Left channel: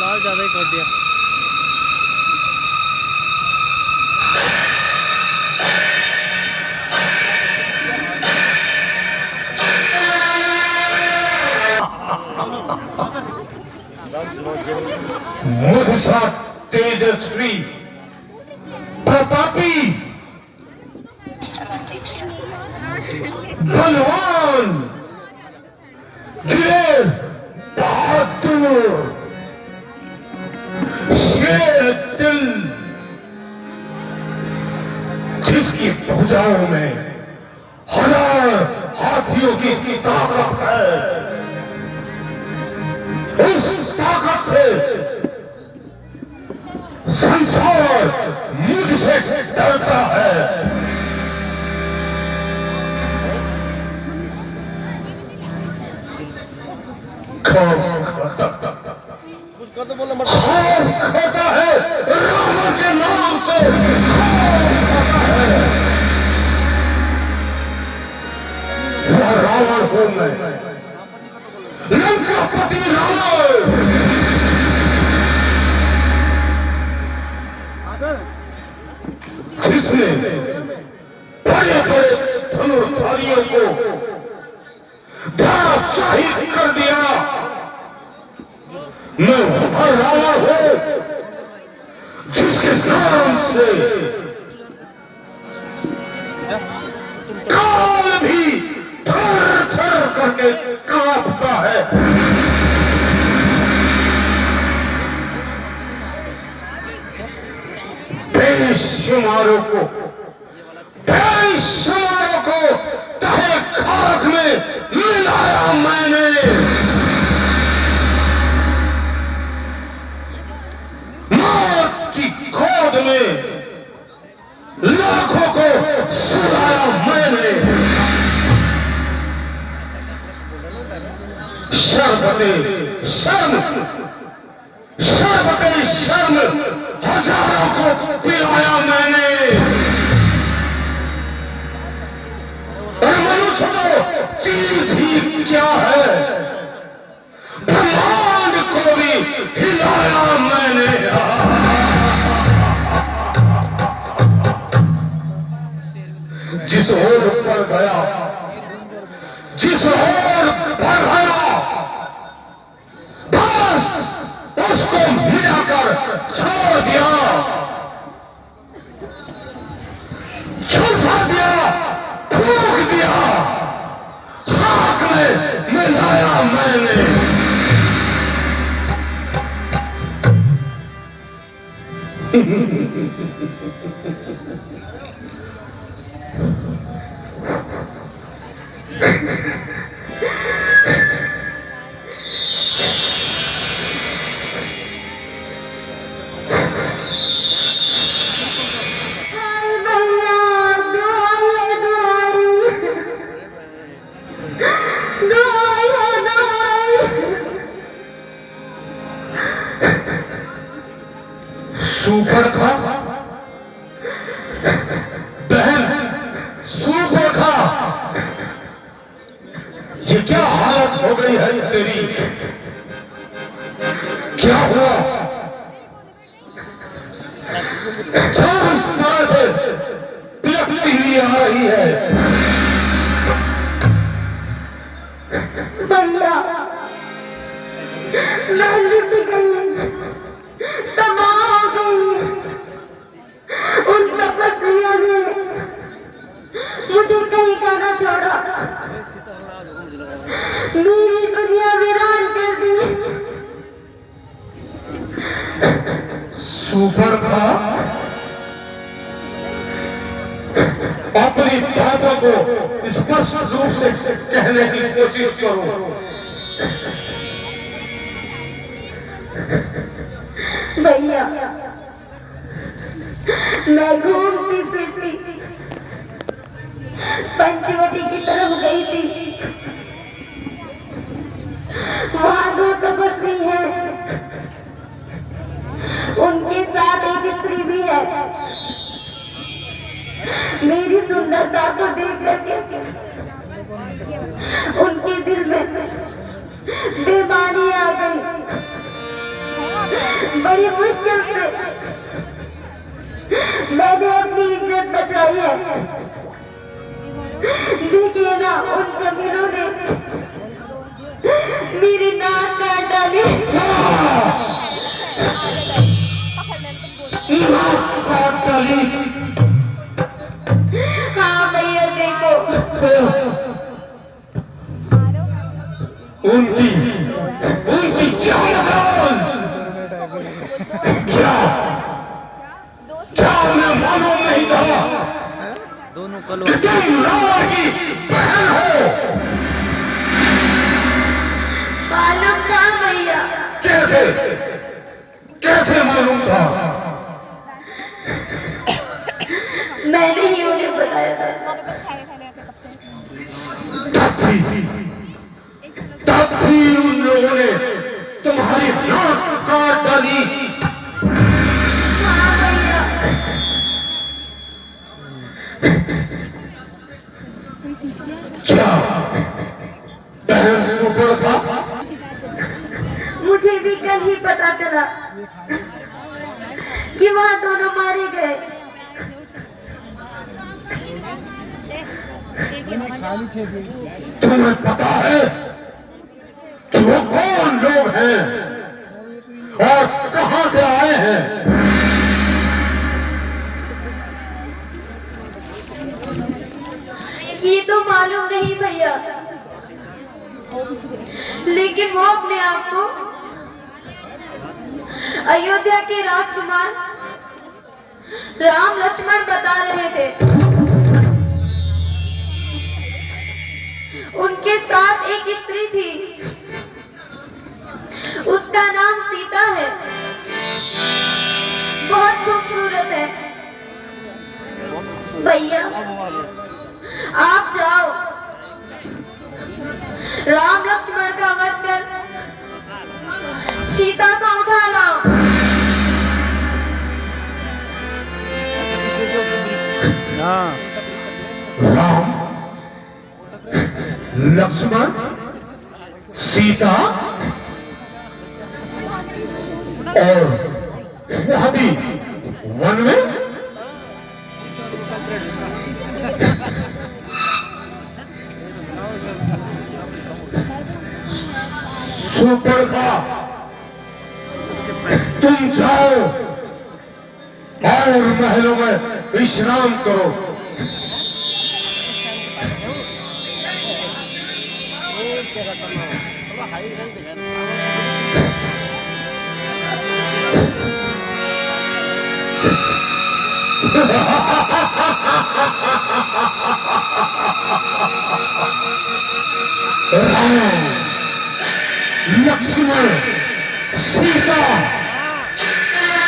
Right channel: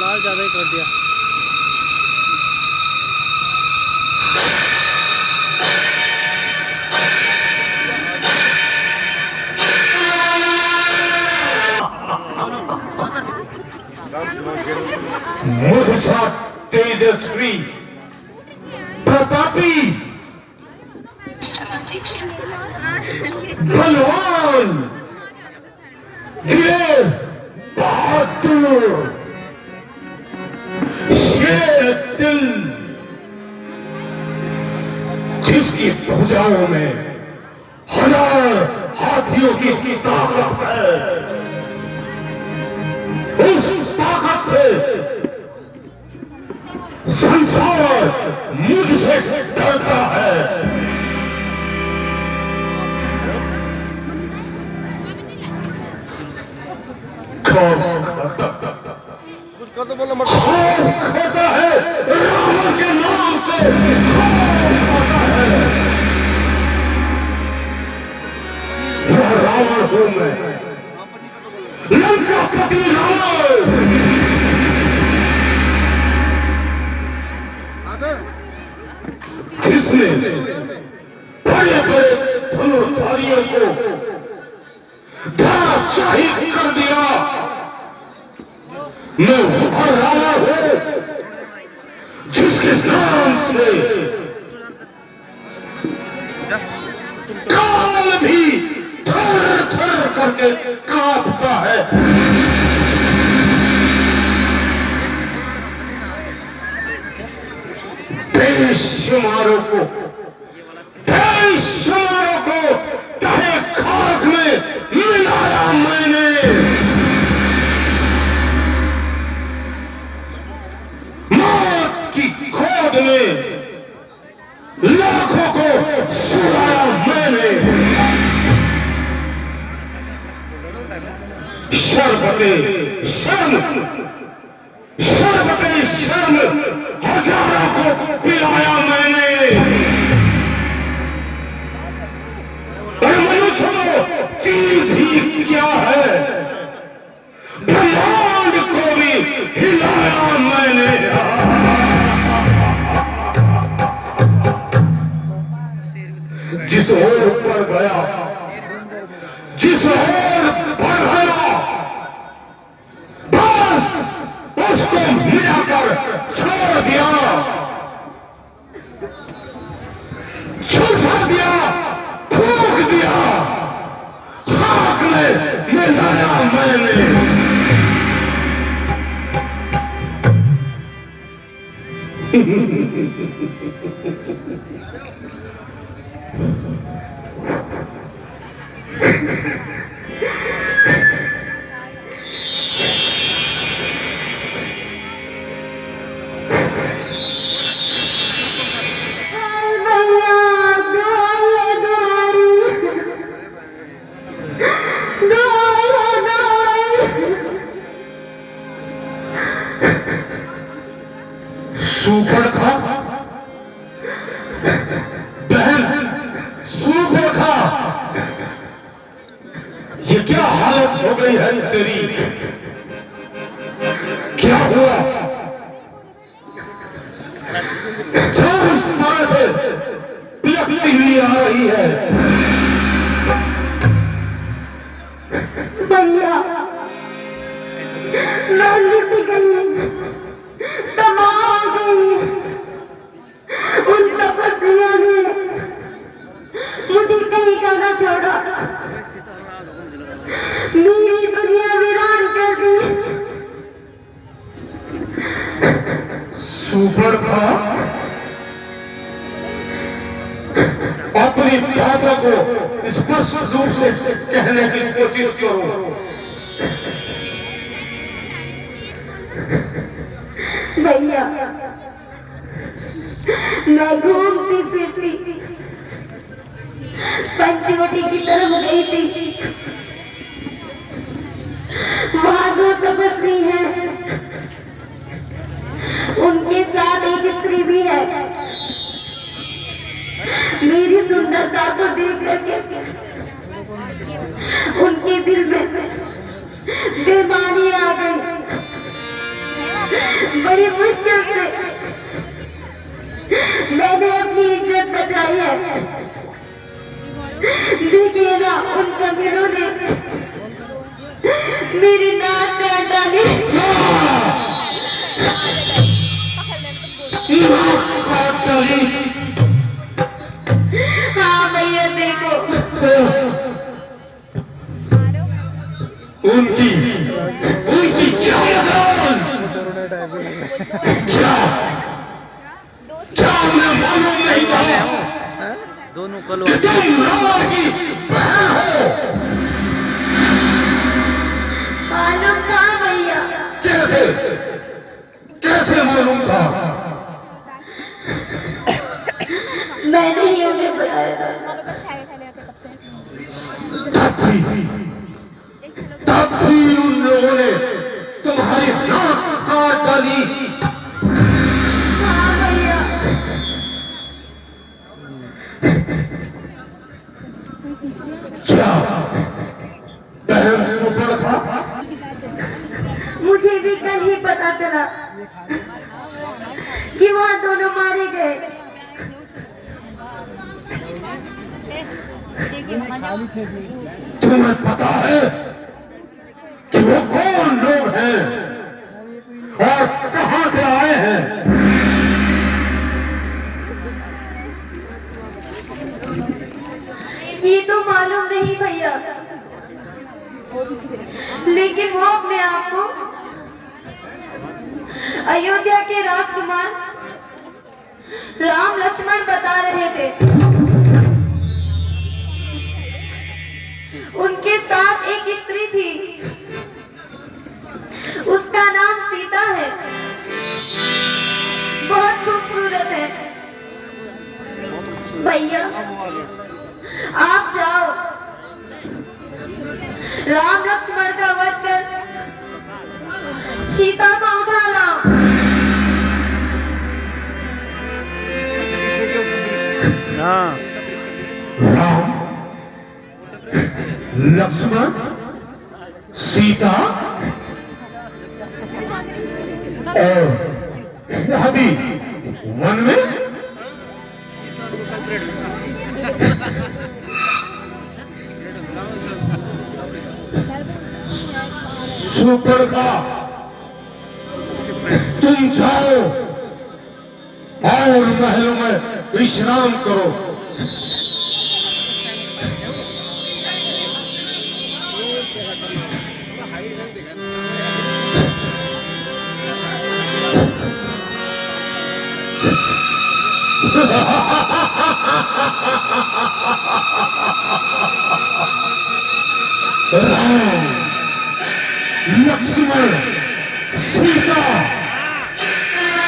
लाल ज़्यादा ही कर दिया। मुझसा तेजस्वी प्रतापी बलवान वीर बहादुर शेर दिल, जिसकी भुजाओं में हजार हाथियों की ताकत है, उस ताकत से संसार मुझसे डरता है। कौन खाता है रावण के नाम से? कौन खाता है? वह रावण हूं मैं, लंकापति रावण, जिसने बड़े बड़े धनुर्धारियों को धराशायी कर दिया। मैं वह रावण हूं जिसके नाम से काल भी थर थर करके कांपता है। बेशुमारों को तहे खाक में मिलाया मैंने। मौत की गोद में लाखों को सुलाया मैंने। शर्बते शर्म, शर्बते शर्म हजारों को पिलाया मैंने। और मनुष्य को चीज ही क्या है, ब्रह्मांड को भी हिलाया मैंने। जिस ओर पर गया, जिस ओर पर गया, बस उसको मिलाकर छोड़ दिया, झुलसा दिया, फूंक दिया, खाक में मिलाया मैंने। सुपर्णखा बहन, सुपर्णखा, ये क्या हालत हो गई है तेरी? क्या हुआ? क्यों इस तरह से पिलकती हुई आ रही है? भैया मैं लुट गई, तबाह हो गई। उन तपस्वियों ने मुझे कहीं जाना छोड़ा, मेरी दुनिया वीरान कर दी। सुपर्णखा, अपनी बातों को स्पष्ट रूप से कहने की कोशिश करो। भैया मैं घूमती फिरती पंचवटी की तरफ गई थी। वहां दो तपस्वी है, उनके साथ एक स्त्री भी है। दशा को देख करके उनके दिल में बेमानी आ गई। बड़ी मुश्किल से मैंने अपनी इज्जत बचाई है, देखिए ना उन कमीनों ने मेरी नाक काट डाली। हाँ भैया देखो, उनकी उनकी क्या जान, क्या क्या उन्हें मालूम नहीं था दोनों कि कलवा तुम रावण की बहन हो? मालूम था भैया। कैसे कैसे मालूम था? मैंने ही उन्हें बताया था। तब भी उन लोगों ने तुम्हारी नाक काट डाली। हाँ भैया, क्या बहन सुपर्णखा? मुझे भी कल ही पता चला कि वहाँ दोनों मारे गए। तुम्हें पता है कि वो कौन लोग हैं और कहां से आए हैं? ये तो मालूम नहीं भैया, लेकिन वो अपने आप को अयोध्या के राजकुमार राम लक्ष्मण बता रहे थे। उनके साथ एक स्त्री थी, उसका नाम सीता है, बहुत खूबसूरत है। भैया आप जाओ, राम लक्ष्मण का वध कर सीता को उठा लाओ। हाँ राम लक्ष्मण सीता और वह भी वन में। सुपर्णखा तुम जाओ और महलों में विश्राम करो। राम लक्ष्मण सीता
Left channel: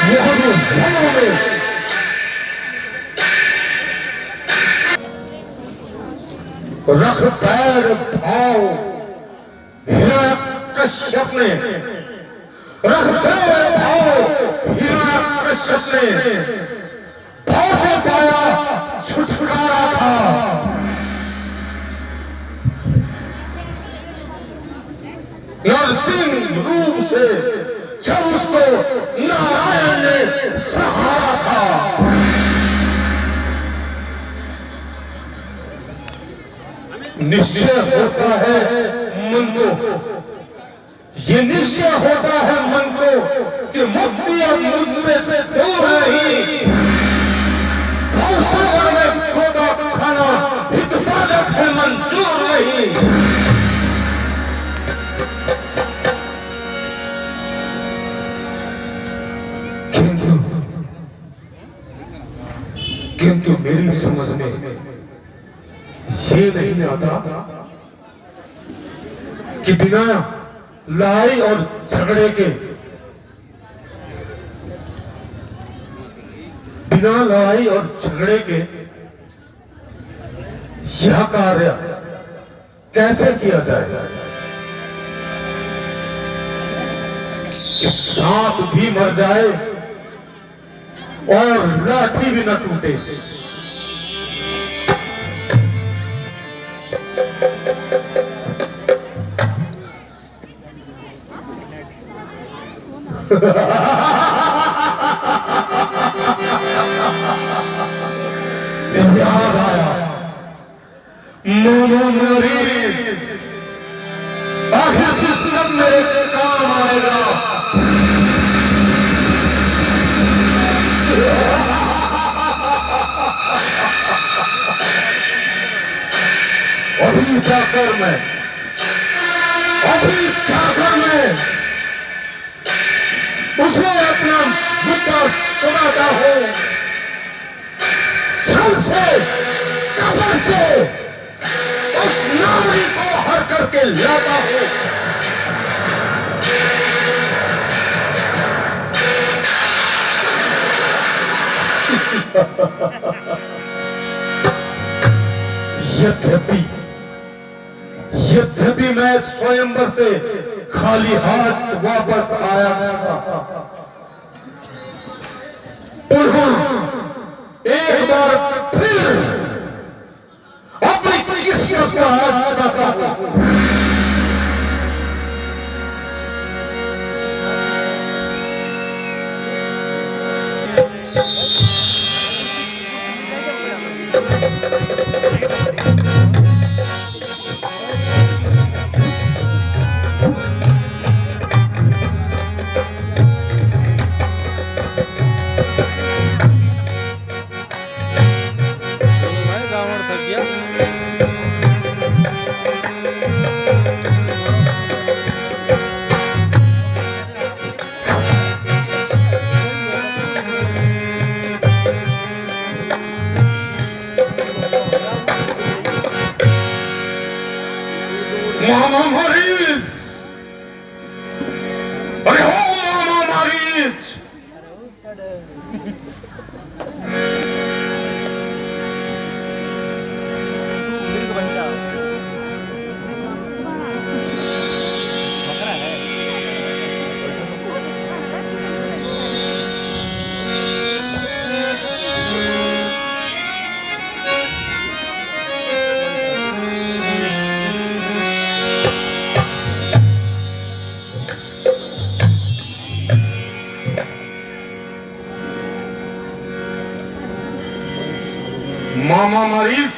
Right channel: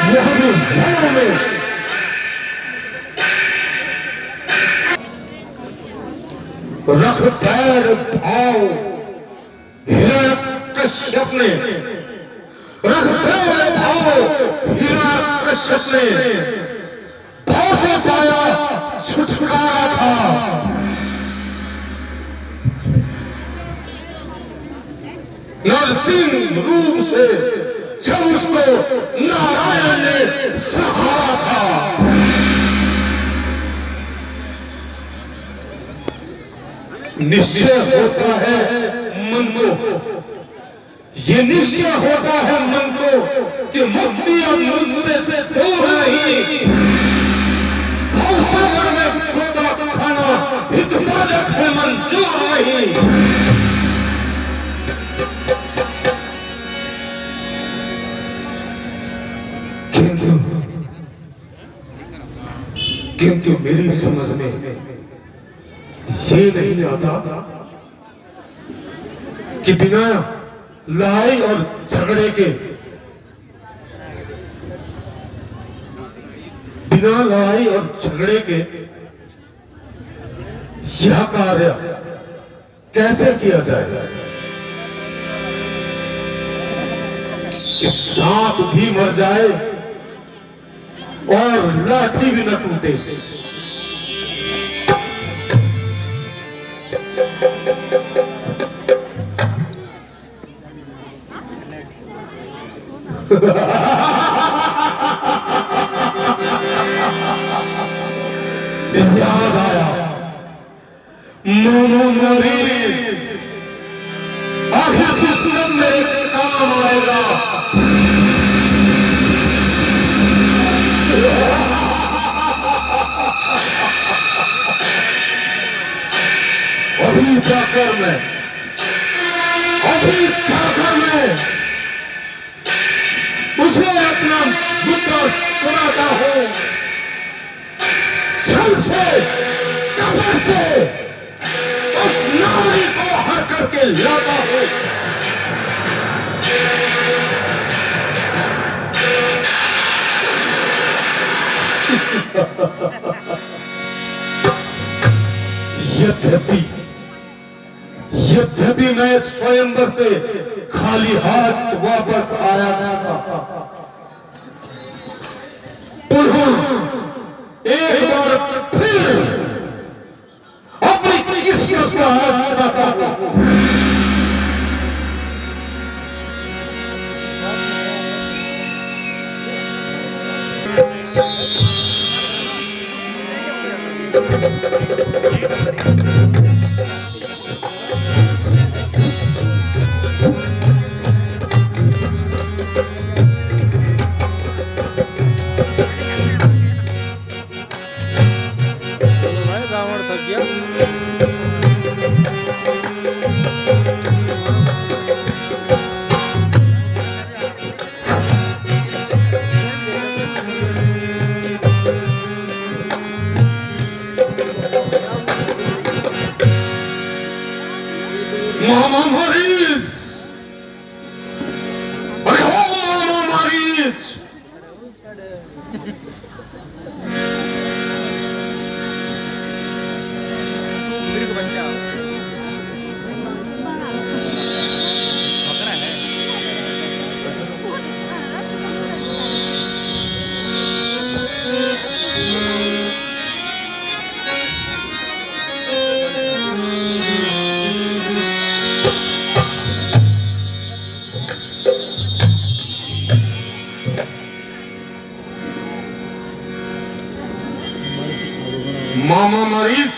वह भी वनों में। रख पैर भाव हिरण्यकश्यप ने, रख पैर भाव हिरण्यकश्यप ने भाव से पाया छुटकारा था। नरसिंह रूप से जब उसको नारायण ने सहारा था। निश्चय होता है मन को, ये निश्चय होता है मन को कि मुक्ति अब मुझसे दूर नहीं। भवसागर में छोटा खाना हितवादक है, मंजूर नहीं। किंतु मेरी समझ में ये नहीं आता कि बिना लड़ाई और झगड़े के, बिना लड़ाई और झगड़े के यह कार्य कैसे किया जाए कि सांप भी मर जाए और लाठी भी न टूटे। याद आया मामा मारी आखिर कितना मेरे काम आएगा। अभी जाकर मैं उसे अपना मुद्दा सुनाता हूं। छल से कब्र से उस नारी को हर करके लाता हूं। यद्यपि मैं स्वयंवर से खाली हाथ वापस आया था, एक बार फिर अपनी किस्मत को आजमाता हूं। भाई रावण थक गया। मामा मरीज, अरे हो मामा मरीज, मामा मरीज,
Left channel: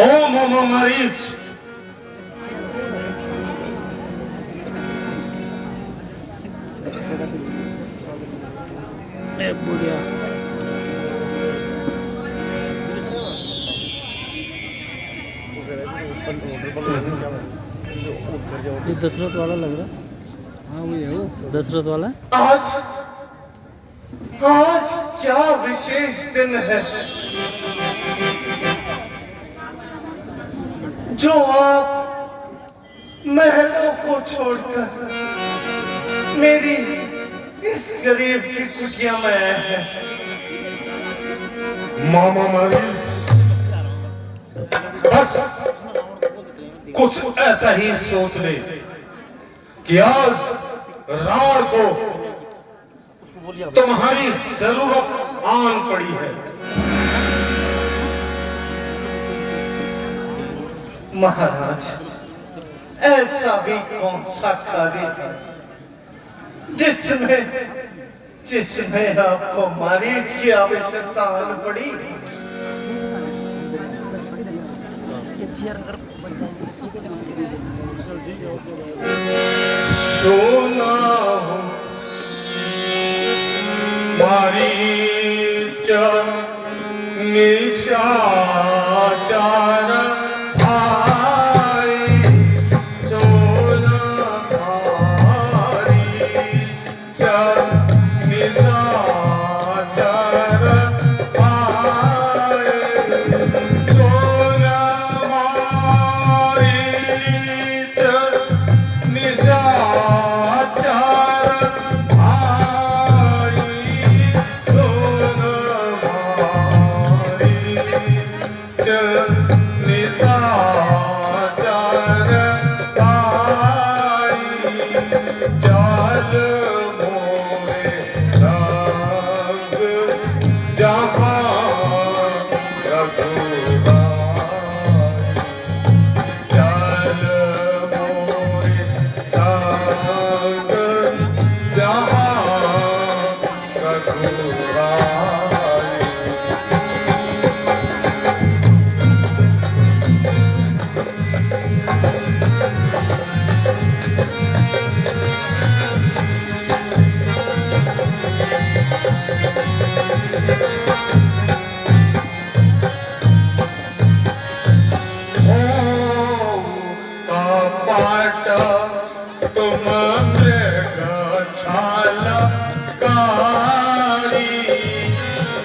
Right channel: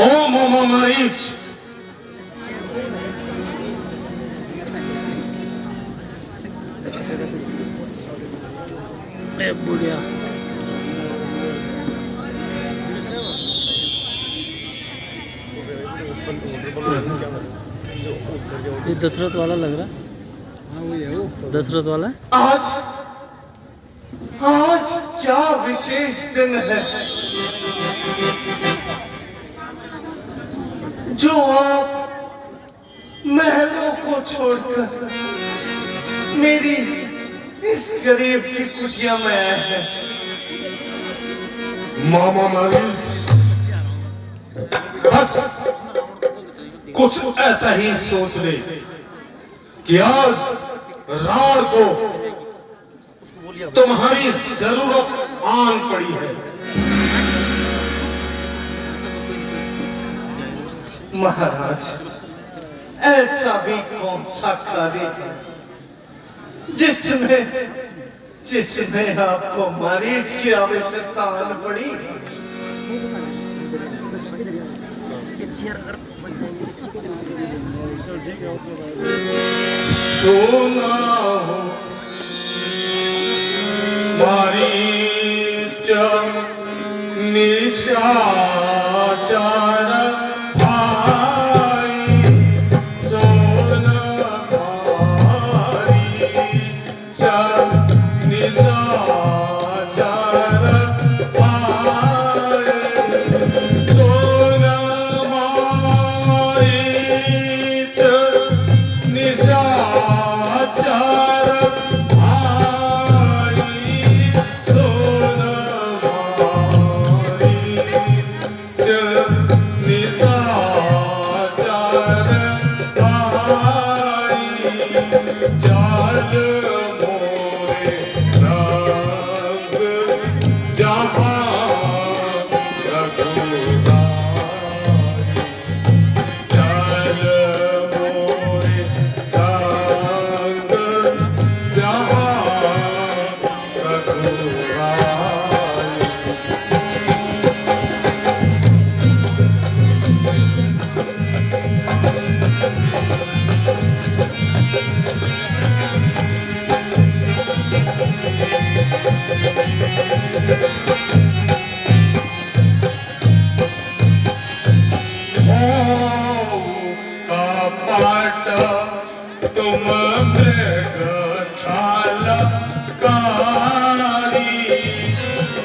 ओ मामा मरीज, ए बुढ़िया ये दशरथ वाला लग रहा है। दशरथ वाला आज आज क्या विशेष दिन है जो आप महलों को छोड़कर मेरी इस गरीब की कुटिया में आए हैं। मामा मरीज, बस कुछ ऐसा ही सोच ले कि आज रावण को तुम्हारी जरूरत आन पड़ी है। महाराज, ऐसा भी कौन सा कार्य है जिसमें आपको मरीज की आवश्यकता आन पड़ी? सोना मरीज निशाचर भाई, सोना मरीज निशाचर भाई, सोना मरीज निशाचर भाई, सोना तुम मृग छलकारी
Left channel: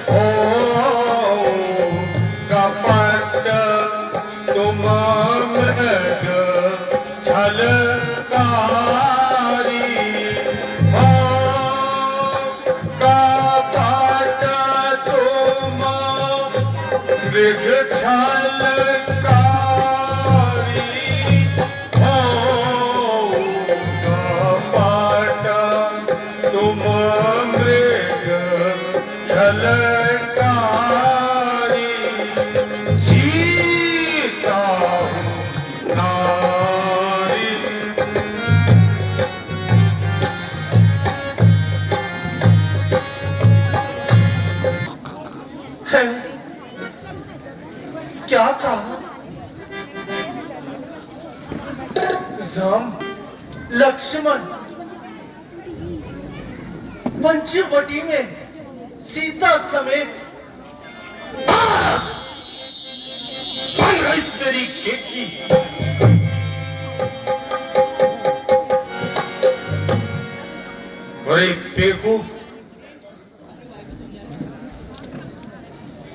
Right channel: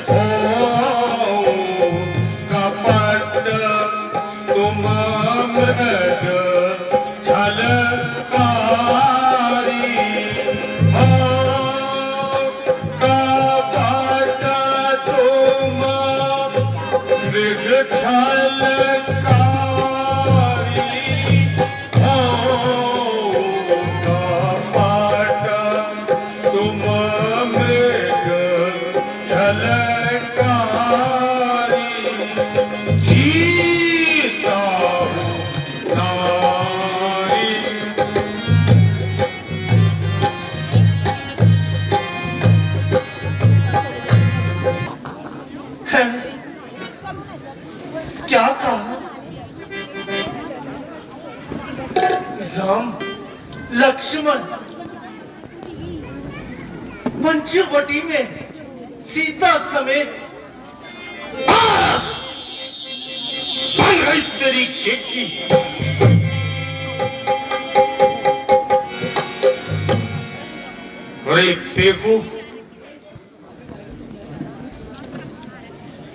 हो कपट तुम मृग छलकारी हो कपट तुम मृग छलकारी हो कपट तुम मृग छलकारी जीता नारी क्या कहा? राम लक्ष्मण पंचवटी में सीता समेत बस सुन रही तेरी खेती अरे बेवकूफ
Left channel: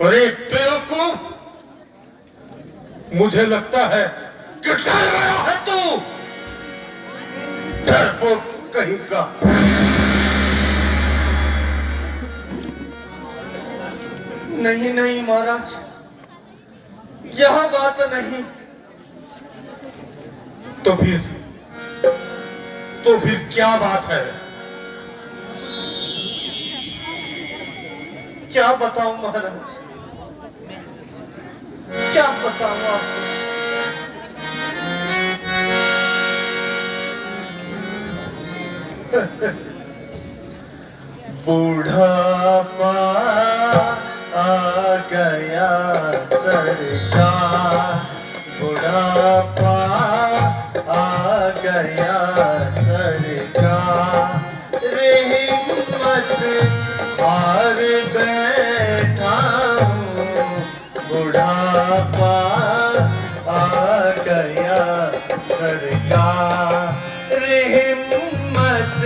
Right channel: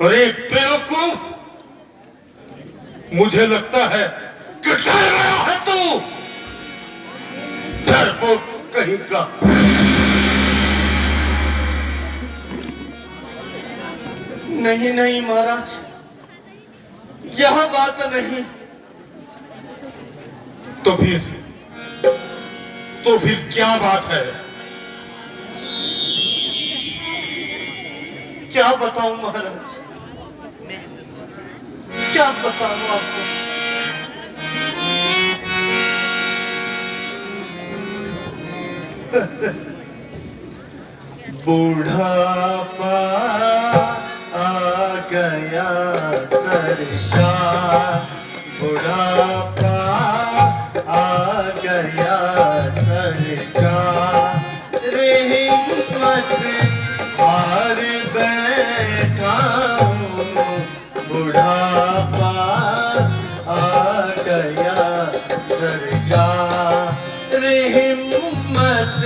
अरे बेवकूफ मुझे लगता है कि डर रहा है तू डरपोक कहीं का नहीं नहीं महाराज यह बात नहीं। तो फिर क्या बात है क्या बताऊं महाराज क्या बताऊं आपको। बूढ़ापा आ गया सरकार बुढ़ापा आ गया सरकार हिम्मत हार बैठा हूँ बुढ़ापा आ गया सरकार हिम्मत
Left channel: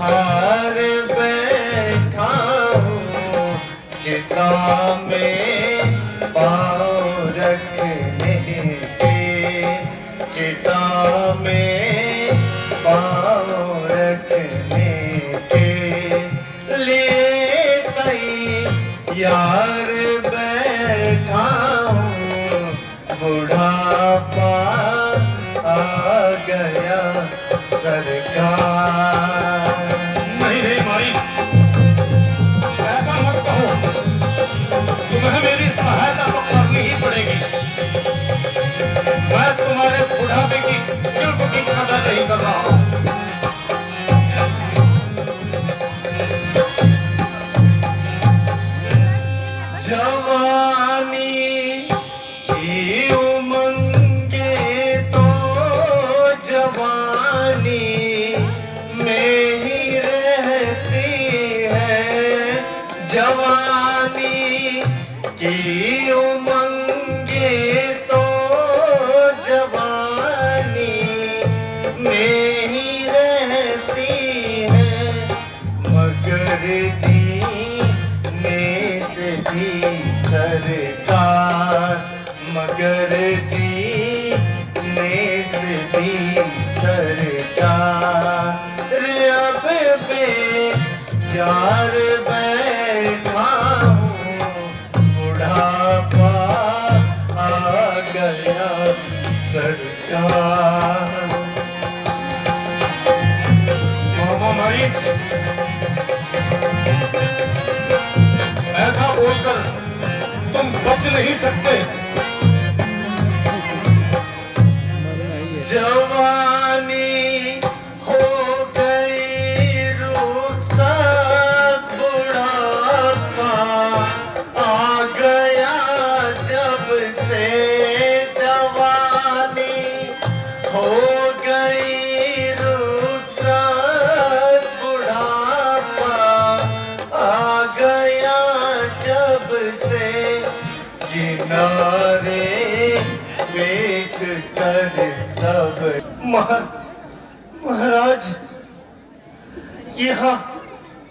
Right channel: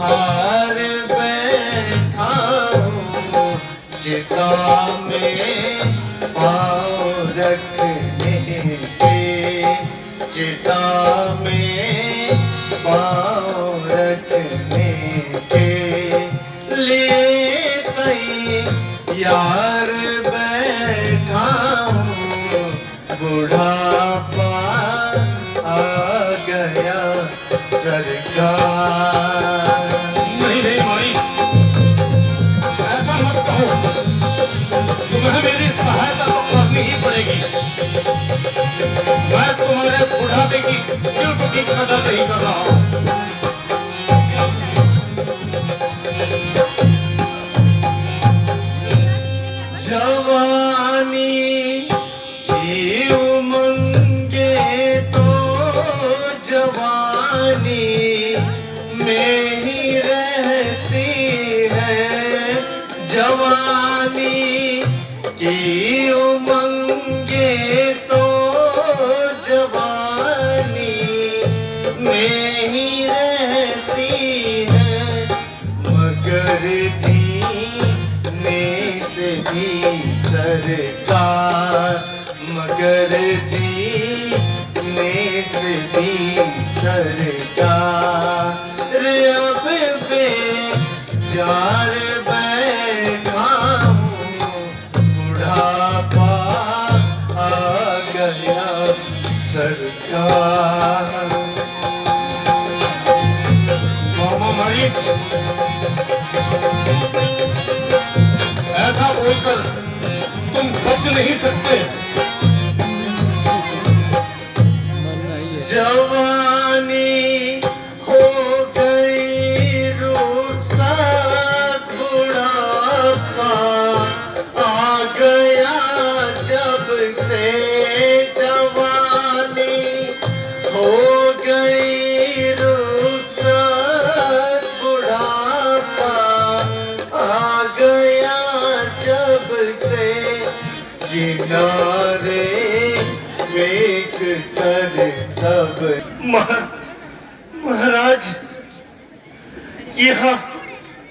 हार बैठा हूँ चिता में पाँव रखने के चिता में पाँव रखने के लिए कई यार बैठा हूँ बुढ़ापा आ गया सरकार। नहीं मारी ऐसा मत कहो तुम्हें मेरी सहायता तो करनी ही पड़ेगी मैं तुम्हारे बुढ़ापे की बिल्कुल भी कदर नहीं कर रहा हूँ जवानी की उमंगे तो जवानी में ही रहती है जवानी की उमंगे तो जवानी में ही रहती है मगर जीने से भी सरकार मगर जीने से भी सरकार अब बेजार बैठा हूँ बुढ़ापा आ गया सरकार। मामा मारी ऐसा बोलकर तुम बच नहीं सकते मरना ही है। जवानी हो गई रुखसत बुढ़ापा आ गया जब से जवानी हो गई रुखसत बुढ़ापा आ गया जब से किनारे देख कर सब महाराज यहाँ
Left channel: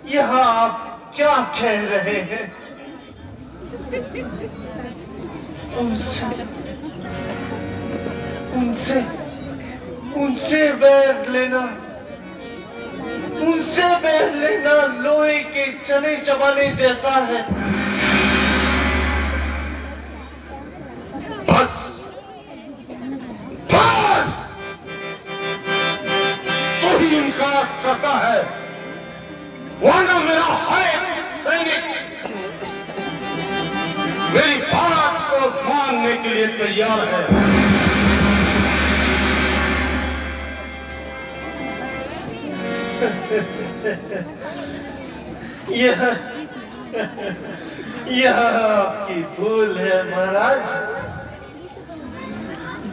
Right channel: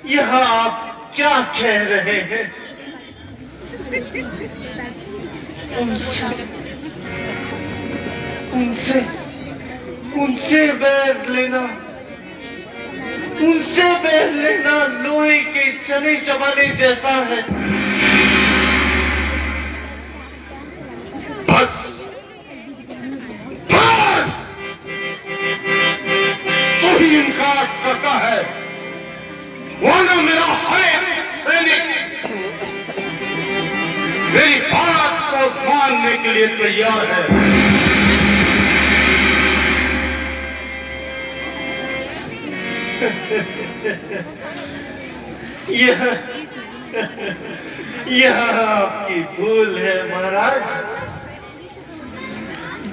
यहाँ आप क्या कह रहे हैं? उनसे उनसे उनसे बैर लेना, उनसे बैर लेना लोहे के चने चबाने जैसा है। बस बस तू ही इनकार करता है, वरना मेरा हर सैनिक मेरी बात को मानने के लिए तैयार है। यह आपकी भूल है महाराज।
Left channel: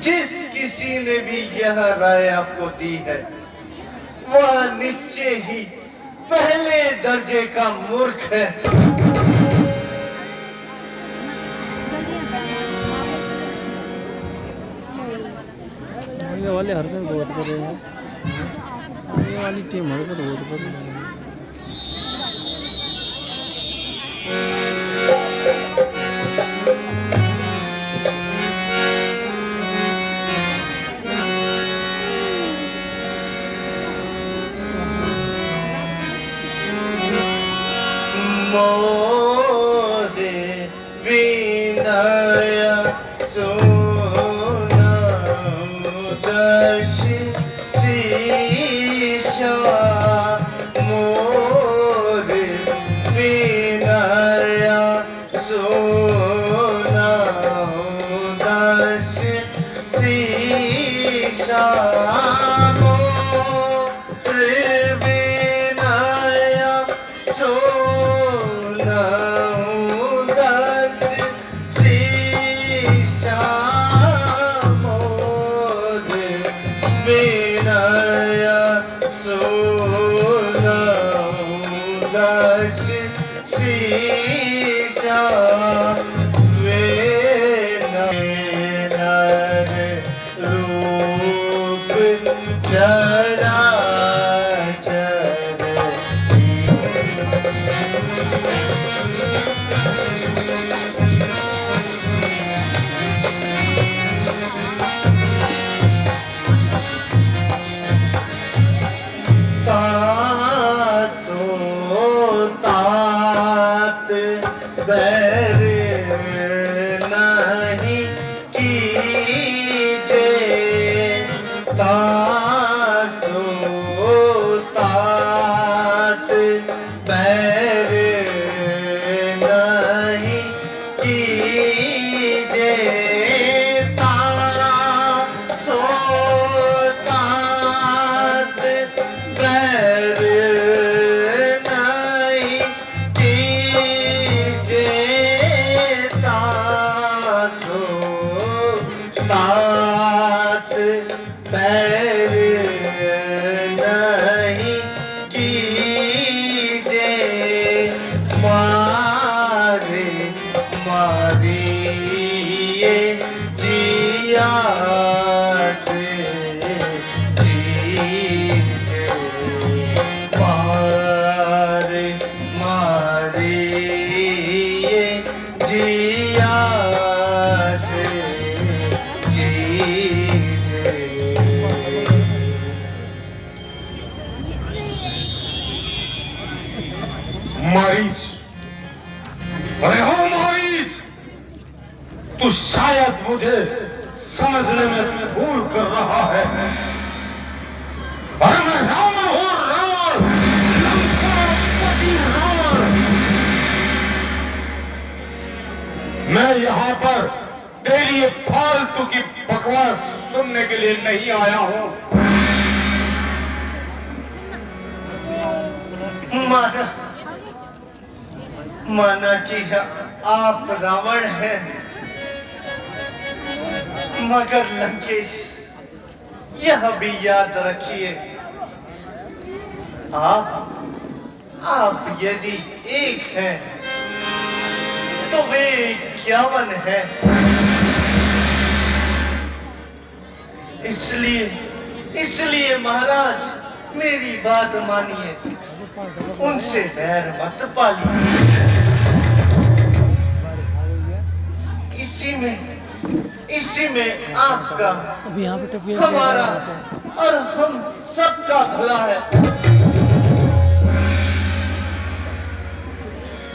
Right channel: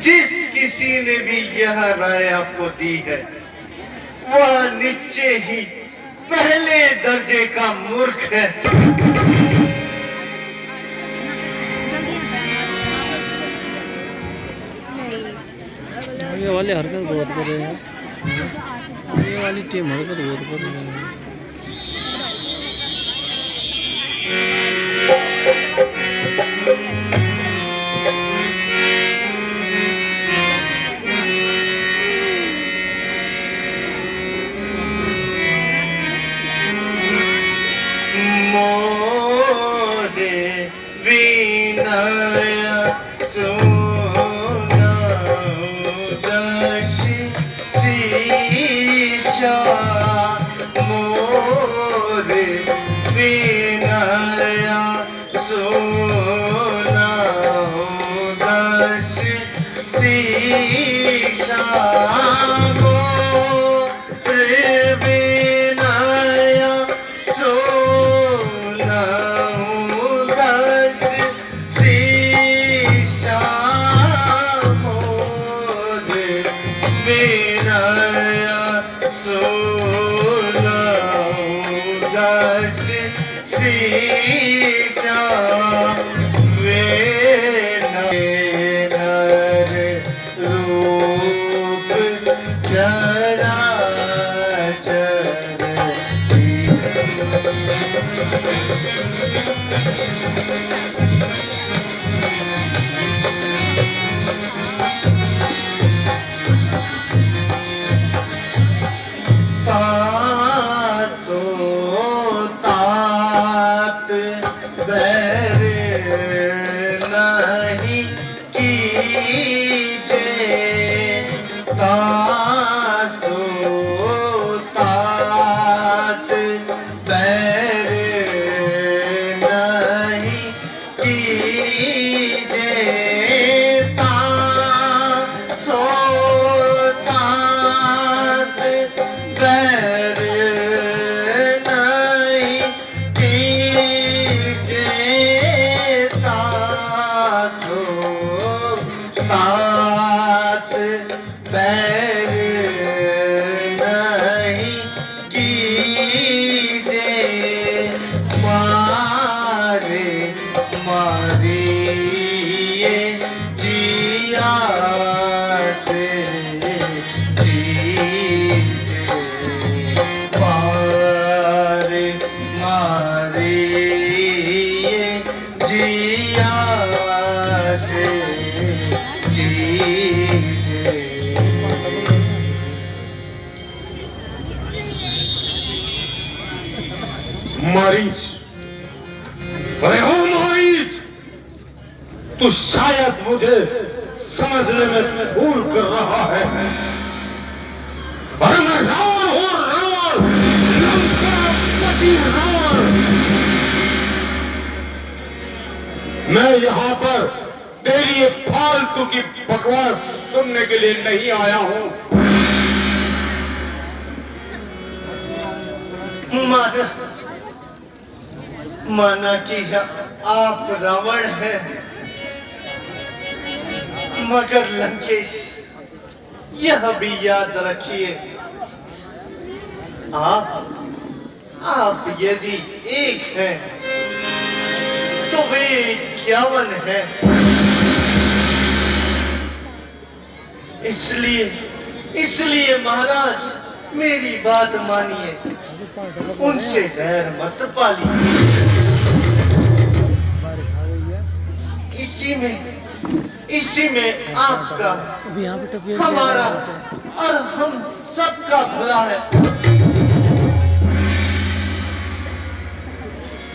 जिस किसी ने भी यह राय आपको दी है वह निश्चय ही पहले दर्जे का मूर्ख है। आगे वाले हरकत बहुत कर रहे हैं, आगे वाली टीम हरकत बहुत कर रही है। मोरे विनय सुनो दश शीशा, मोरे विनय सुनो दश शीशा, मरीज, अरे हो मरीज, तू शायद मुझे समझने में भूल कर रहा है। अरे मैं रावण हूँ, रावण, लंकापति रावण। मैं यहाँ पर तेरी एक फालतू की बकवास सुनने के लिए नहीं आया हूँ। माना कि आप रावण हैं, मगर लंकेश यह भी याद रखिए, आप यदि एक हैं तो वे 51 हैं। इसलिए महाराज मेरी बात मानिए, उनसे बैर मत पालिए। इसी में आपका, अब यहाँ पे टपिया हमारा और हम सबका भला है।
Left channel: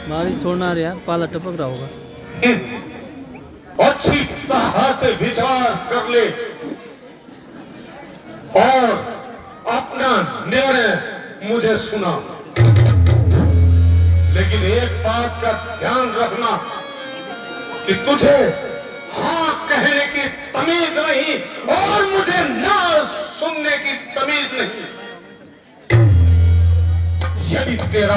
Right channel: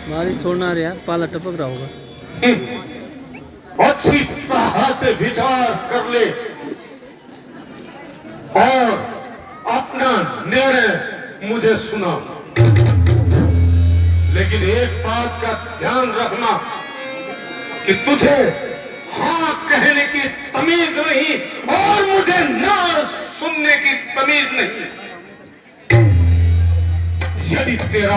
बारिश छोड़ना रहा यार, पाला टपक रहा होगा। अच्छी तरह से विचार कर ले और अपना निर्णय मुझे सुना। लेकिन एक बात का ध्यान रखना कि तुझे हाँ कहने की तमीज नहीं और मुझे ना सुनने की तमीज नहीं। यदि तेरा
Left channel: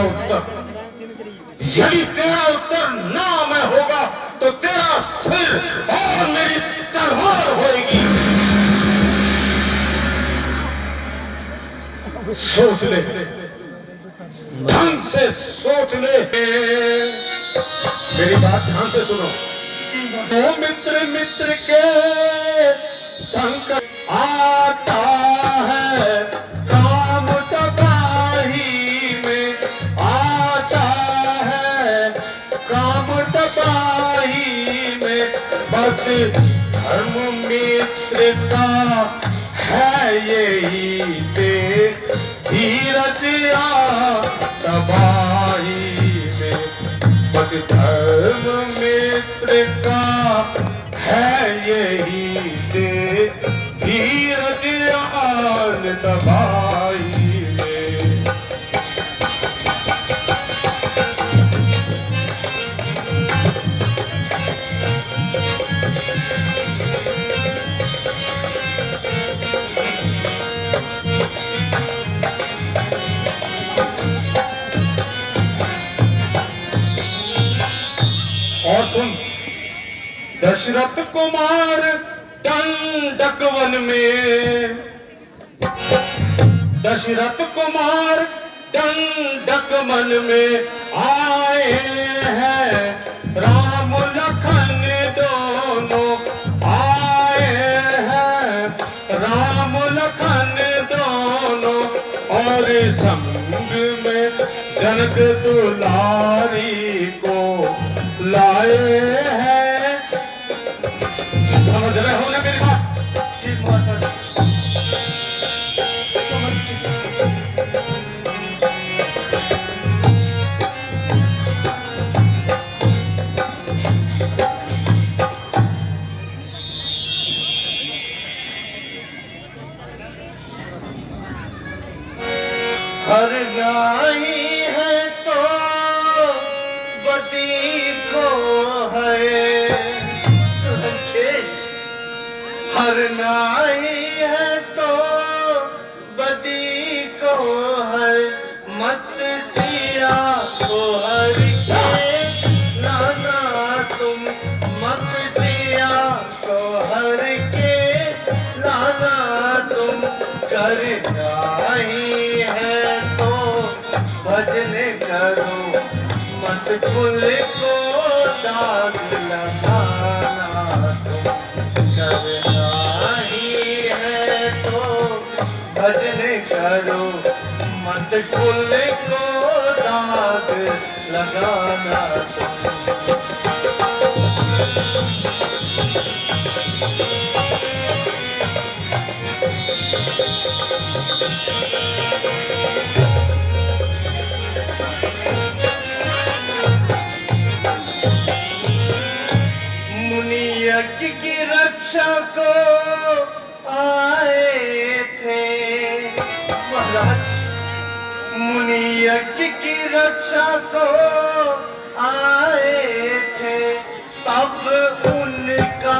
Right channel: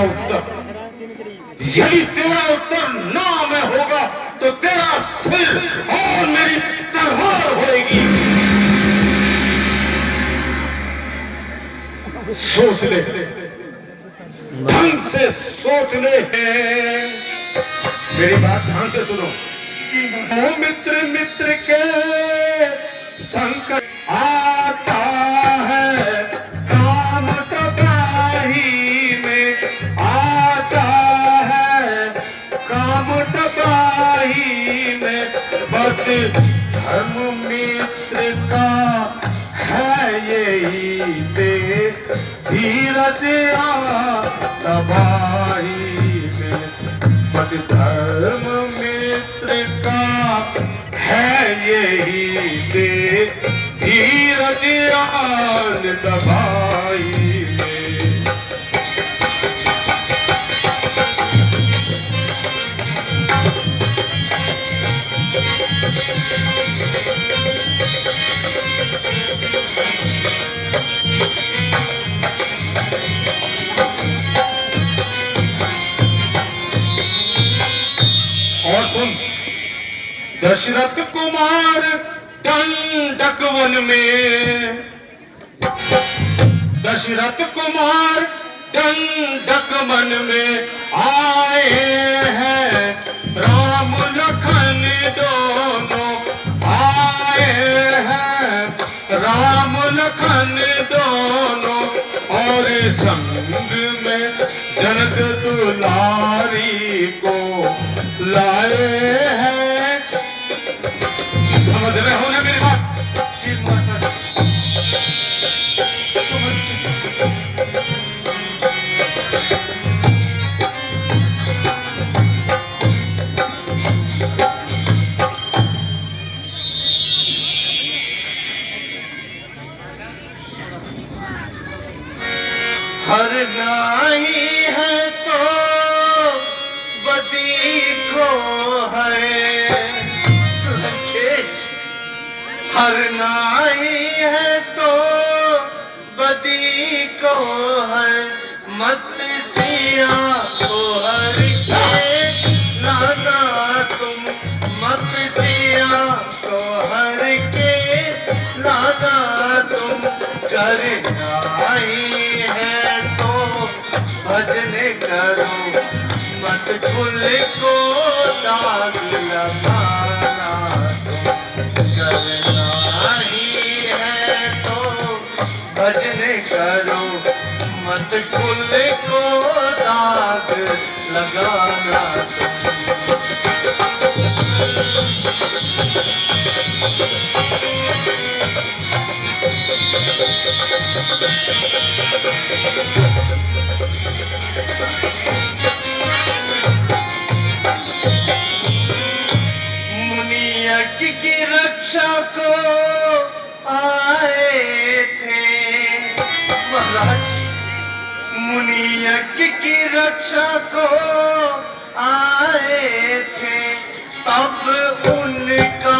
उत्तर ना में होगा तो तेरा सिर और मेरी तलवार होगी। सोच ले, ढंग से सोच ले। मेरी बात ध्यान से सुनो। ओ मित्र मित्र के संकट आता है, काम तबाही में आता है, काम तबाही में। बस धर्म मित्र का है यही पे धीरज तबाही में। बस धर्म मित्र का है यही से धीरज तबाही में। और सुन, दशरथ कुमार दंडक वन में, दशरथ कुमार दंडक वन में आए हैं। राम लखन दोनों आए हैं, राम लखन दोनों। और संग में जनक दुलारी को लाए हैं। समझ रहे हो ना मेरी बात? हर गाही है तो बदी को है लंकेश। हर नाही है तो बदी को है। मत सिया को हर के लाना तुम, मत सिया को हर के लाना तुम। करना ही है तो भजन करो, मत कुल को दाग लगाना तुम। करना ही है तो भजन करो, मत कुल को दाग लगाना तुम। मुनि यज्ञ की रक्षा को आए थे महाराज। मुनि यज्ञ की रक्षा को आए थे, तब उनका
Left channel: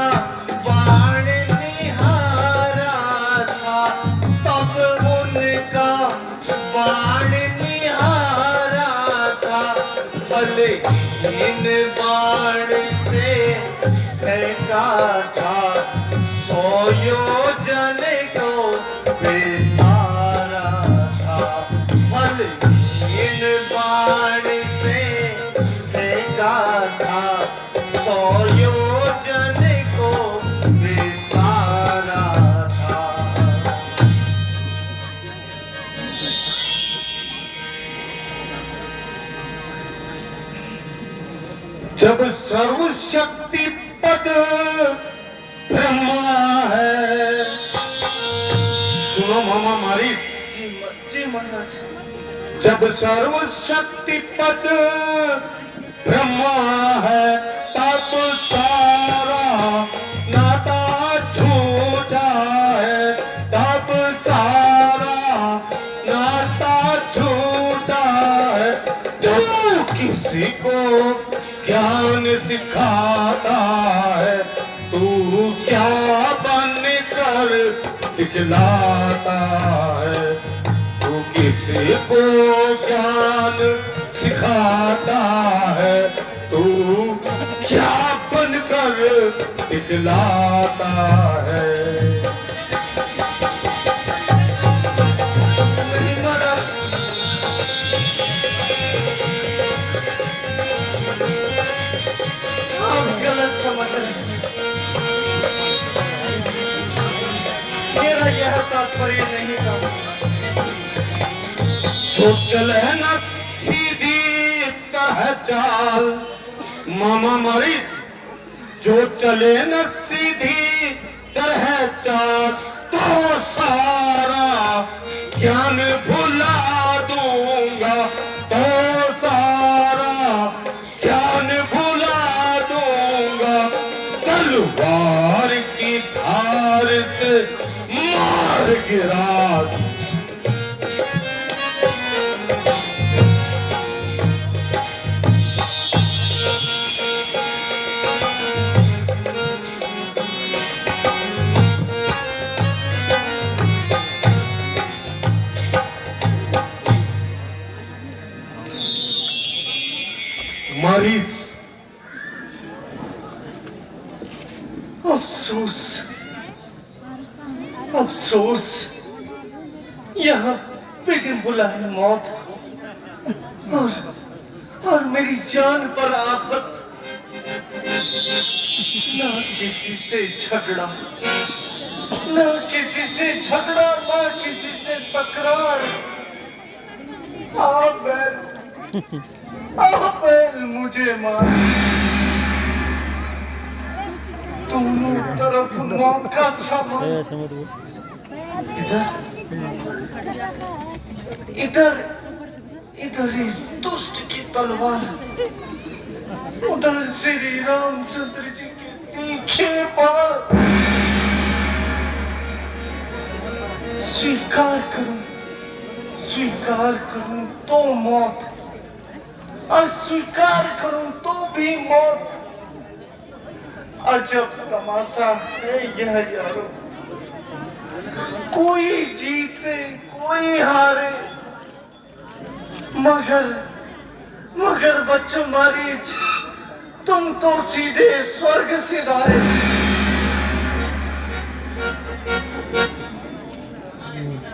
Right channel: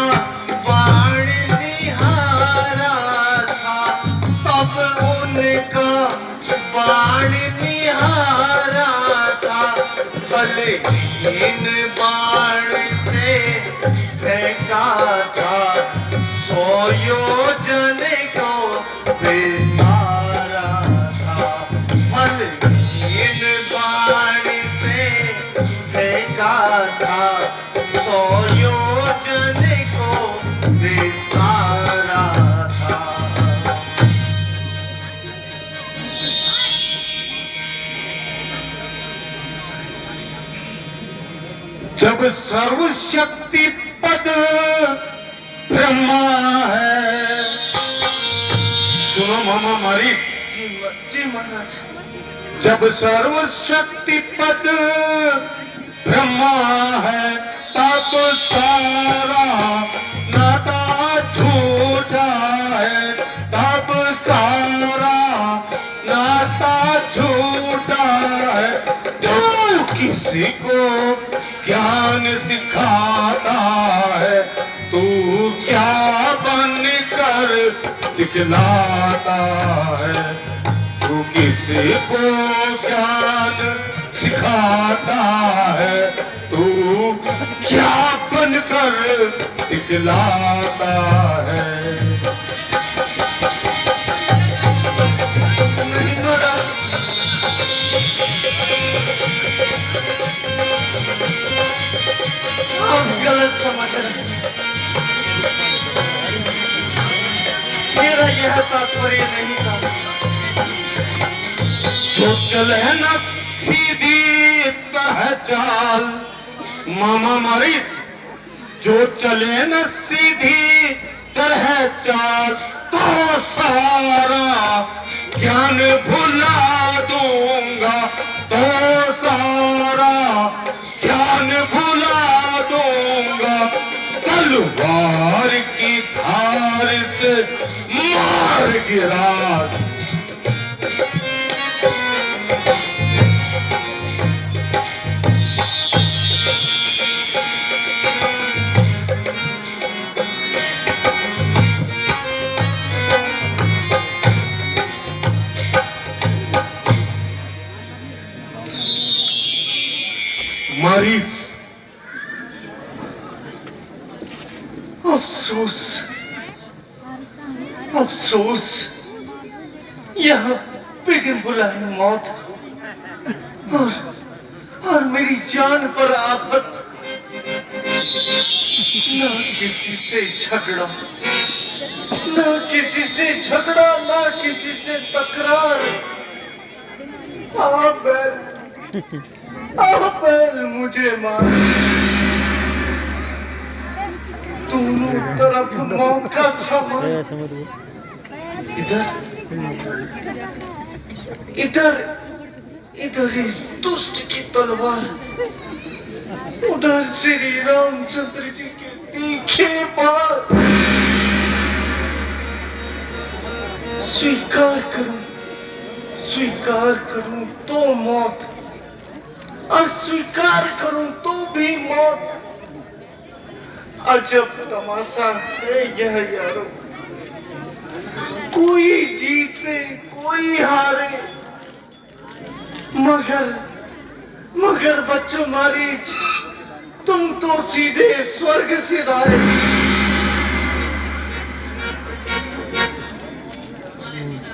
बाण निहारा था। तब उनका बाण निहारा था। बलहीन बाण से फेंका था, 100 योजन को विस्तारा था। बलहीन बाण से फेंका था, 100 योजन को विस्तारा था। जब सर्वशक्ति पद ब्रह्मा है। सुनो मामा मारी, जी महाराज। जब सर्वशक्ति पद ब्रह्मा है तब सारा नाता झूठा है, तब सारा नाता झूठा है। जो किसी को ज्ञान सिखाता है तू क्या बन कर दिखलाता है। तू किसी को ज्ञान सिखाता है तू क्या बन कर दिखलाता है। आप गलत समझ रहे हैं। मेरा यह तात्पर्य नहीं था। जो चले न सीधी तरह चाल मामा मरीज, जो चले न सीधी तरह चाल तो सारा ज्ञान भुला दूंगा, तो सारा ज्ञान भुला दूंगा। तलवार की धार से मार गिरा मरीज। अफसोस, अफसोस, यहाँ बेगम बुलाए मौत और मेरी जान पर आफत। ना किसी से झगड़ा, ना किसी से झगड़ा, ना किसी से तकरार। आप मुझे मार। दोनों तरफ मौत का समान। ऐसे मत बोल। इधर इधर इधर इस दुष्ट की तलवार, उधर श्री रामचंद्र जी के तीखे बाण। स्वीकार करूं तो मौत, अस्वीकार करूं तो भी मौत। अजब तमाशा है यह यारो। कोई जीते कोई हारे, मगर बच्चों मारीच, तुम तो सीधे स्वर्ग सिधारे।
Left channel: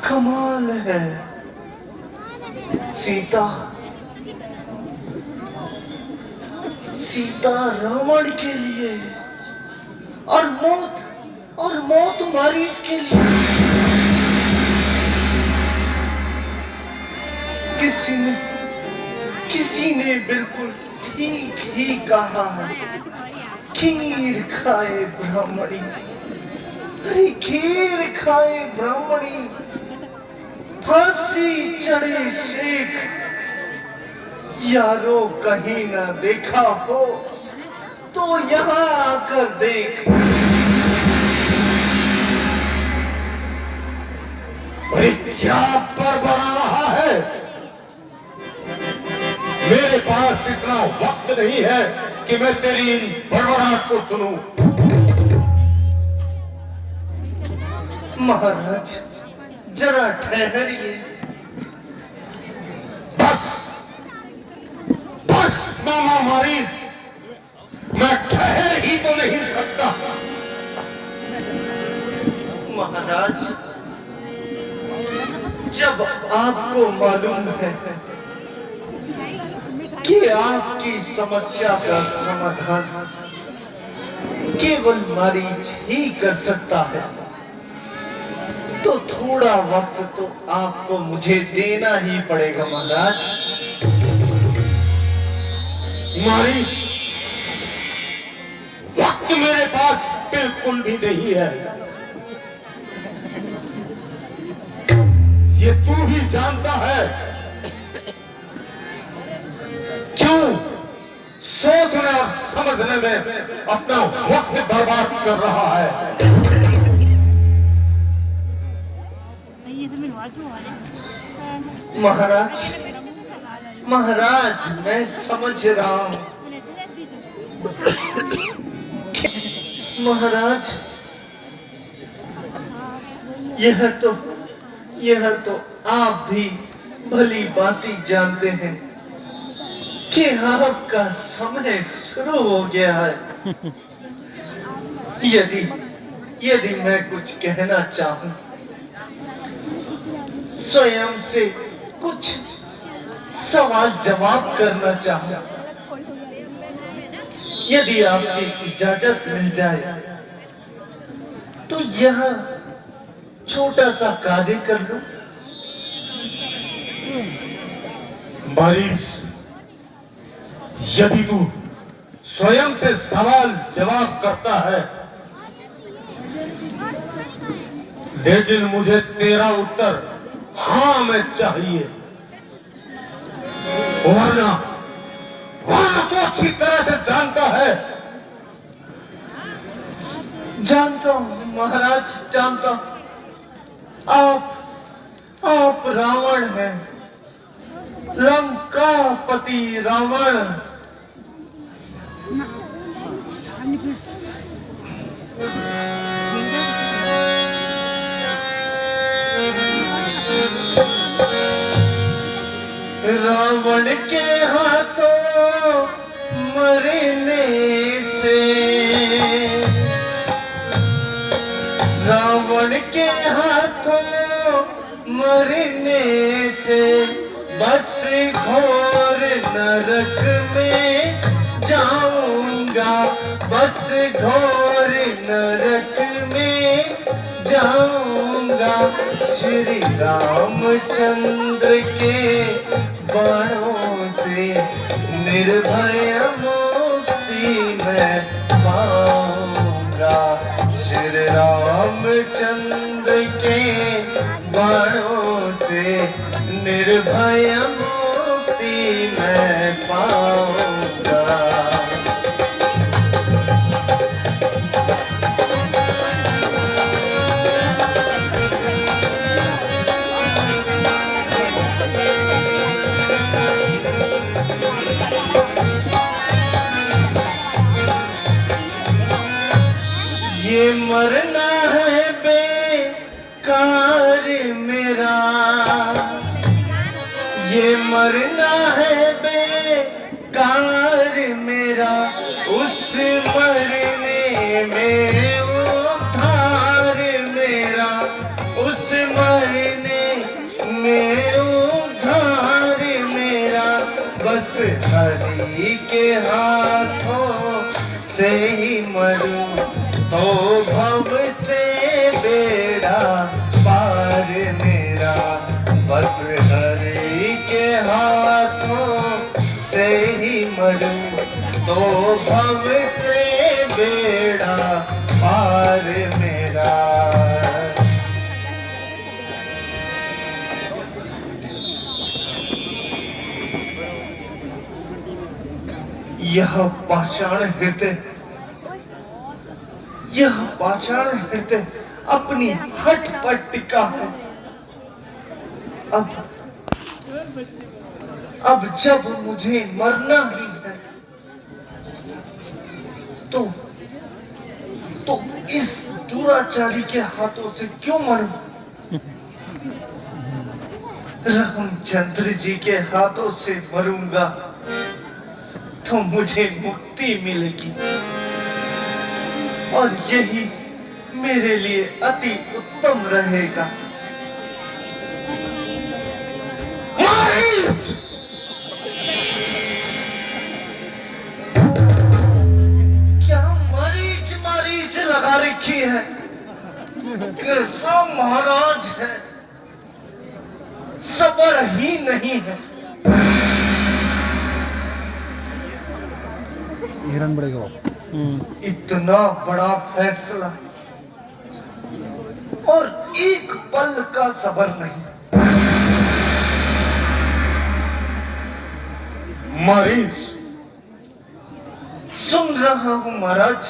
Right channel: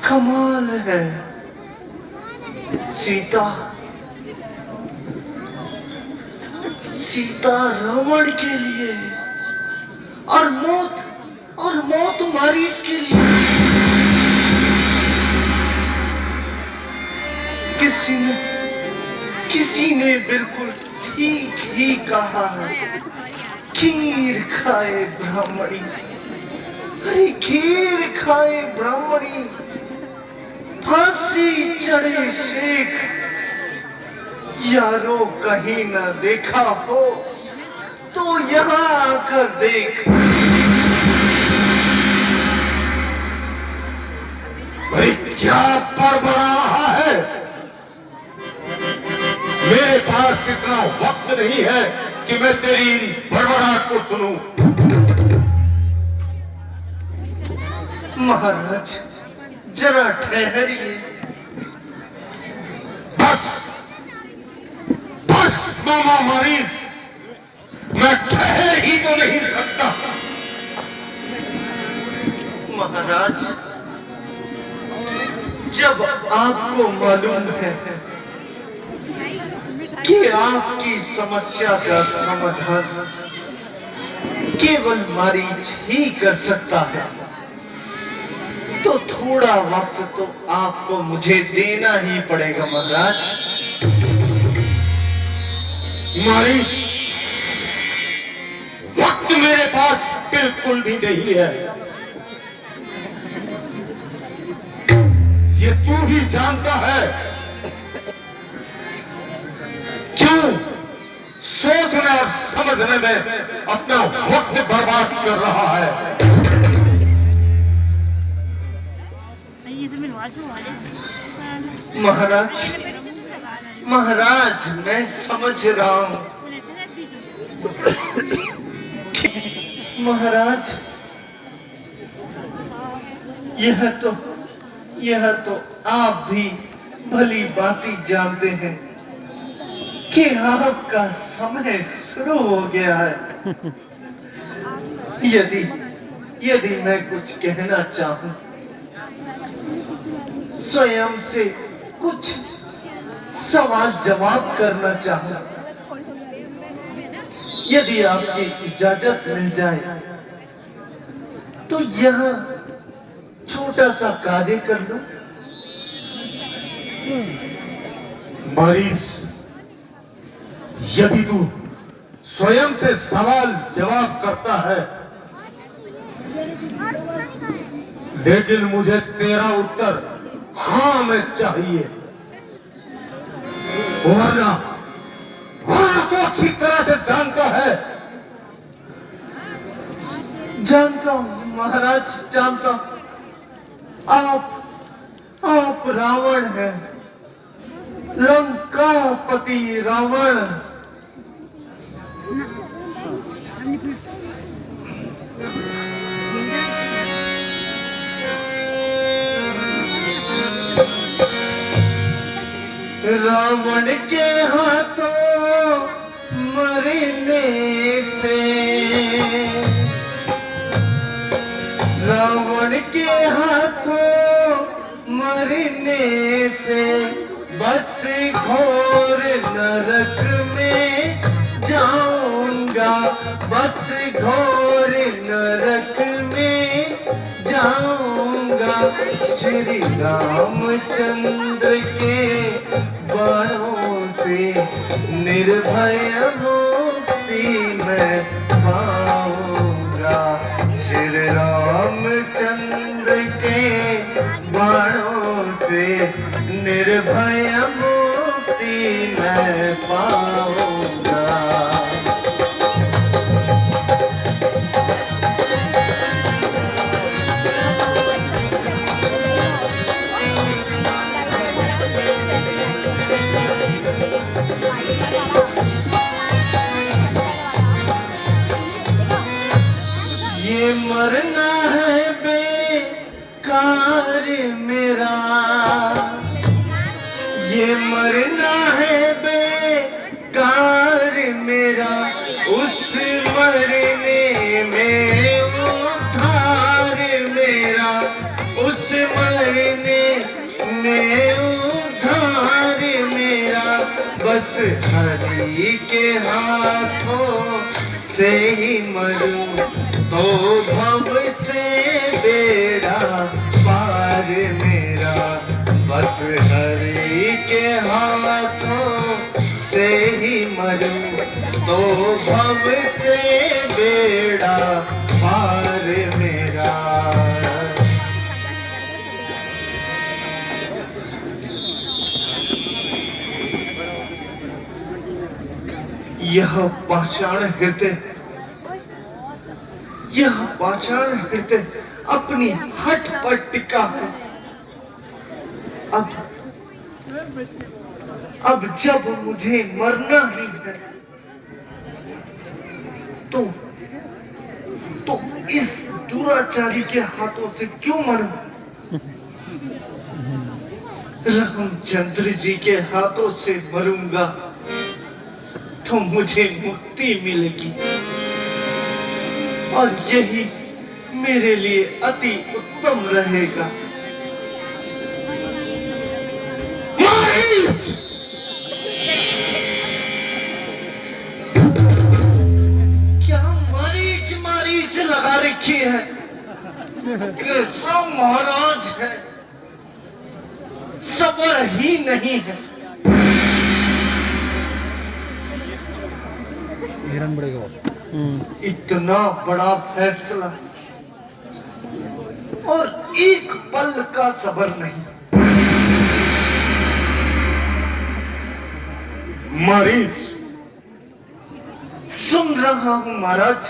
कमाल है। सीता रावण के लिए और मौत मारीच के लिए। किसी ने बिल्कुल ठीक ही कहा है। खीर खाए ब्राह्मणी, अरे खीर खाए ब्राह्मणी, फांसी चढ़े शेख। यारो कहीं ना देखा हो तो यहाँ आकर देख। भाई क्या बड़बड़ा रहा है? मेरे पास इतना वक्त नहीं है कि मैं तेरी बड़बड़ाहट को सुनूं। महाराज जरा ठहरिए। बस मामा मरीज, मैं ठहर ही तो नहीं सकता। महाराज जब आपको मालूम है कि आपकी समस्या का समाधान केवल मरीज ही कर सकता है, तो थोड़ा वक्त तो आपको मुझे देना ही पड़ेगा महाराज। मरीज वक्त मेरे पास बिल्कुल भी नहीं है। ये तू भी जानता है क्यों सोचने और समझने में अपना वक्त बर्बाद कर रहा है। महाराज, महाराज मैं समझ रहा हूँ। महाराज, यह तो आप भी भली बाती जानते हैं कि आपका समय शुरू हो गया है। यदि मैं कुछ कहना चाहूं, स्वयं से कुछ सवाल जवाब करना चाहूं, यदि आपकी इजाजत मिल जाए तो यह छोटा सा कार्य कर लो। मरीज, यदि तू स्वयं से सवाल जवाब करता है, लेकिन मुझे तेरा उत्तर हाँ में चाहिए, वरना तो अच्छी तरह से जानता है। जानता हूं महाराज, जानता हूं। आप रावण हैं, लंकापति रावण। रावण के हाथों मरने से, रावण के हाथों मरने से बस घोर नरक में जाऊंगा, बस घोर नरक में जाऊंगा। श्री रामचंद्र के बाणों से निर्भय मुक्ति मैं पाऊंगा। श्री रामचंद्र के बाणों से निर्भय मुक्ति मैं पाऊंगा। ये मरना है बेकार मेरा, ये मरना है बेकार मेरा, उस मरने में उद्धार मेरा, उस मरने में उद्धार मेरा। बस हरि के हाथों से ही मरूं तो भव से बेड़ा पार मेरा। बस हरि के हाथों से ही मरूं तो भव से बेड़ा पार मेरा। यह पाषाण हृदय अपनी हट पर टिका है। अब जब मुझे मरना ही है तो इस दुराचारी के हाथों से क्यों मरूं? रामचंद्र जी के हाथों से मरूंगा तो मुझे मुक्ति मिलेगी और यही मेरे लिए अति उत्तम रहेगा। क्या मरीच लगा रखी है? कैसा महाराज है, सबर ही नहीं है। हिरण बड़ेगा। इतना बड़ा फैसला और एक पल का सब्र नहीं। मरीज, सुन रहा हूं महाराज,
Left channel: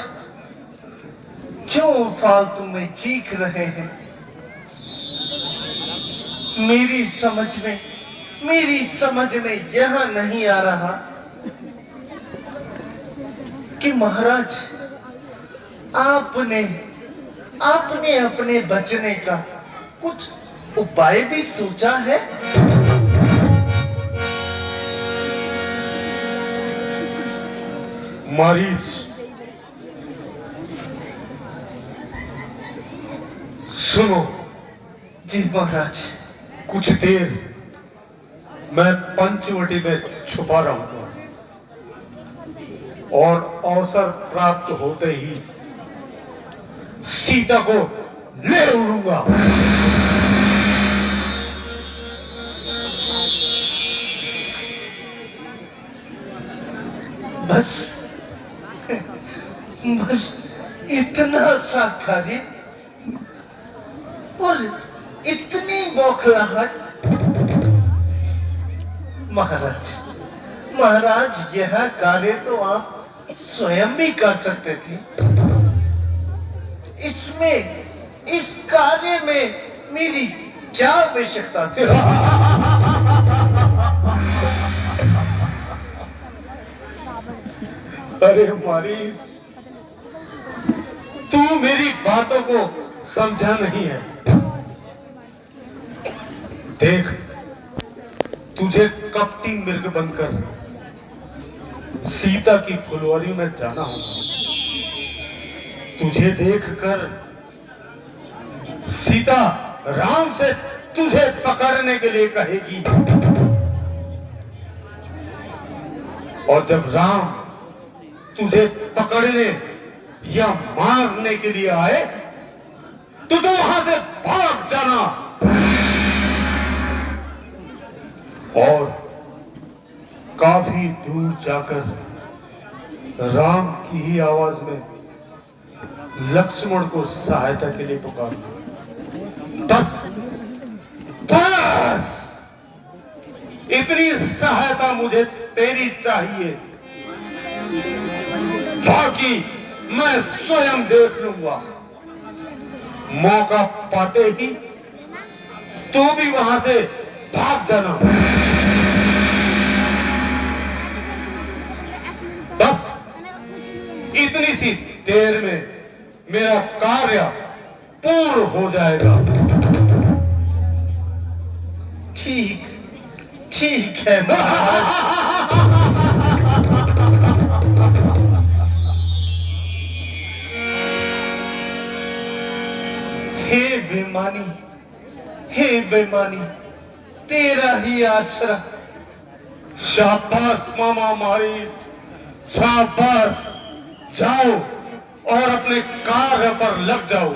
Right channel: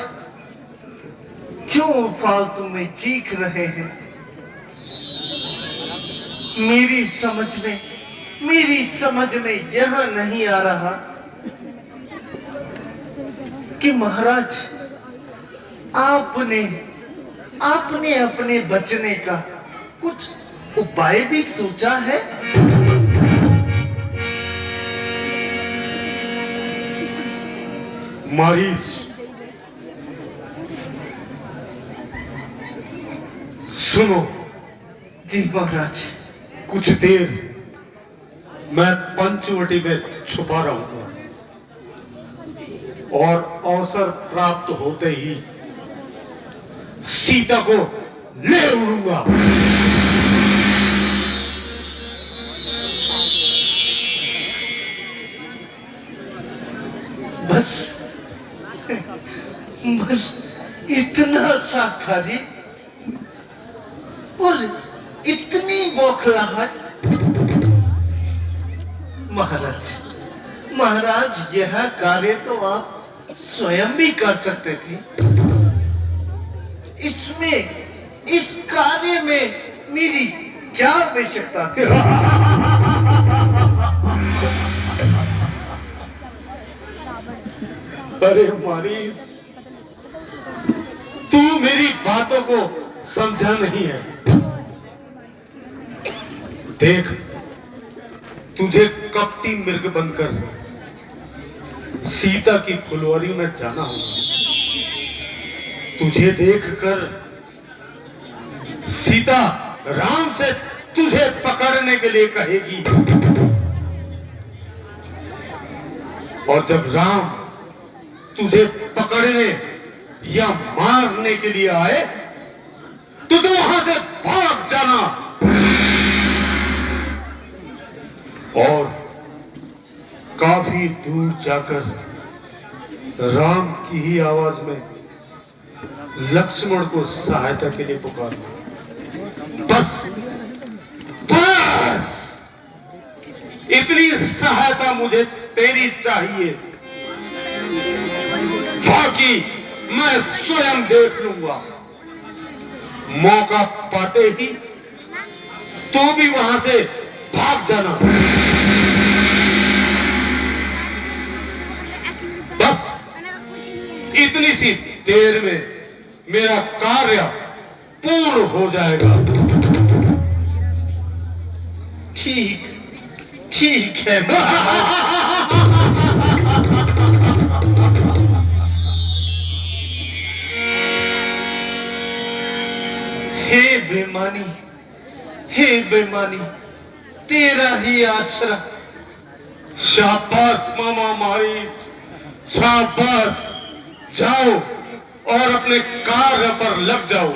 क्यों फालतू में चीख रहे हैं? मेरी समझ में यह नहीं आ रहा कि महाराज आपने अपने बचने का कुछ उपाय भी सोचा है? मरीज, सुनो। जी महाराज। कुछ देर मैं पंचवटी में छुपा रहूंगा और अवसर प्राप्त होते ही सीता को ले उड़ूंगा। बस इतना सा कार्य और इतनी बौखलाहट। महाराज यह कार्य तो आप स्वयं भी कर सकते थे। इस कार्य में मेरी क्या आवश्यकता थी? अरे मरीज, तू मेरी बातों को समझा नहीं है। देख, तुझे कपटी मृग बनकर सीता की फुलवारी में जाना होगा। तुझे देखकर सीता राम से तुझे पकड़ने के लिए कहेगी, और जब राम तुझे पकड़ने या मारने के लिए आए तो तुम वहां से भाग जाना और काफी दूर जाकर राम की ही आवाज में लक्ष्मण को सहायता के लिए पुकारना। बस बस इतनी सहायता मुझे तेरी चाहिए, बाकी मैं स्वयं देख लूंगा। मौका पाते ही तो भी वहां से भाग जाना। बस इतनी सी देर में मेरा कार्य पूर्ण हो जाएगा। ठीक है महाराज। हे बेईमानी, तेरा ही आसरा। शाबाश मामा मारीच, शाबाश। जाओ और अपने कार्य पर लग जाओ।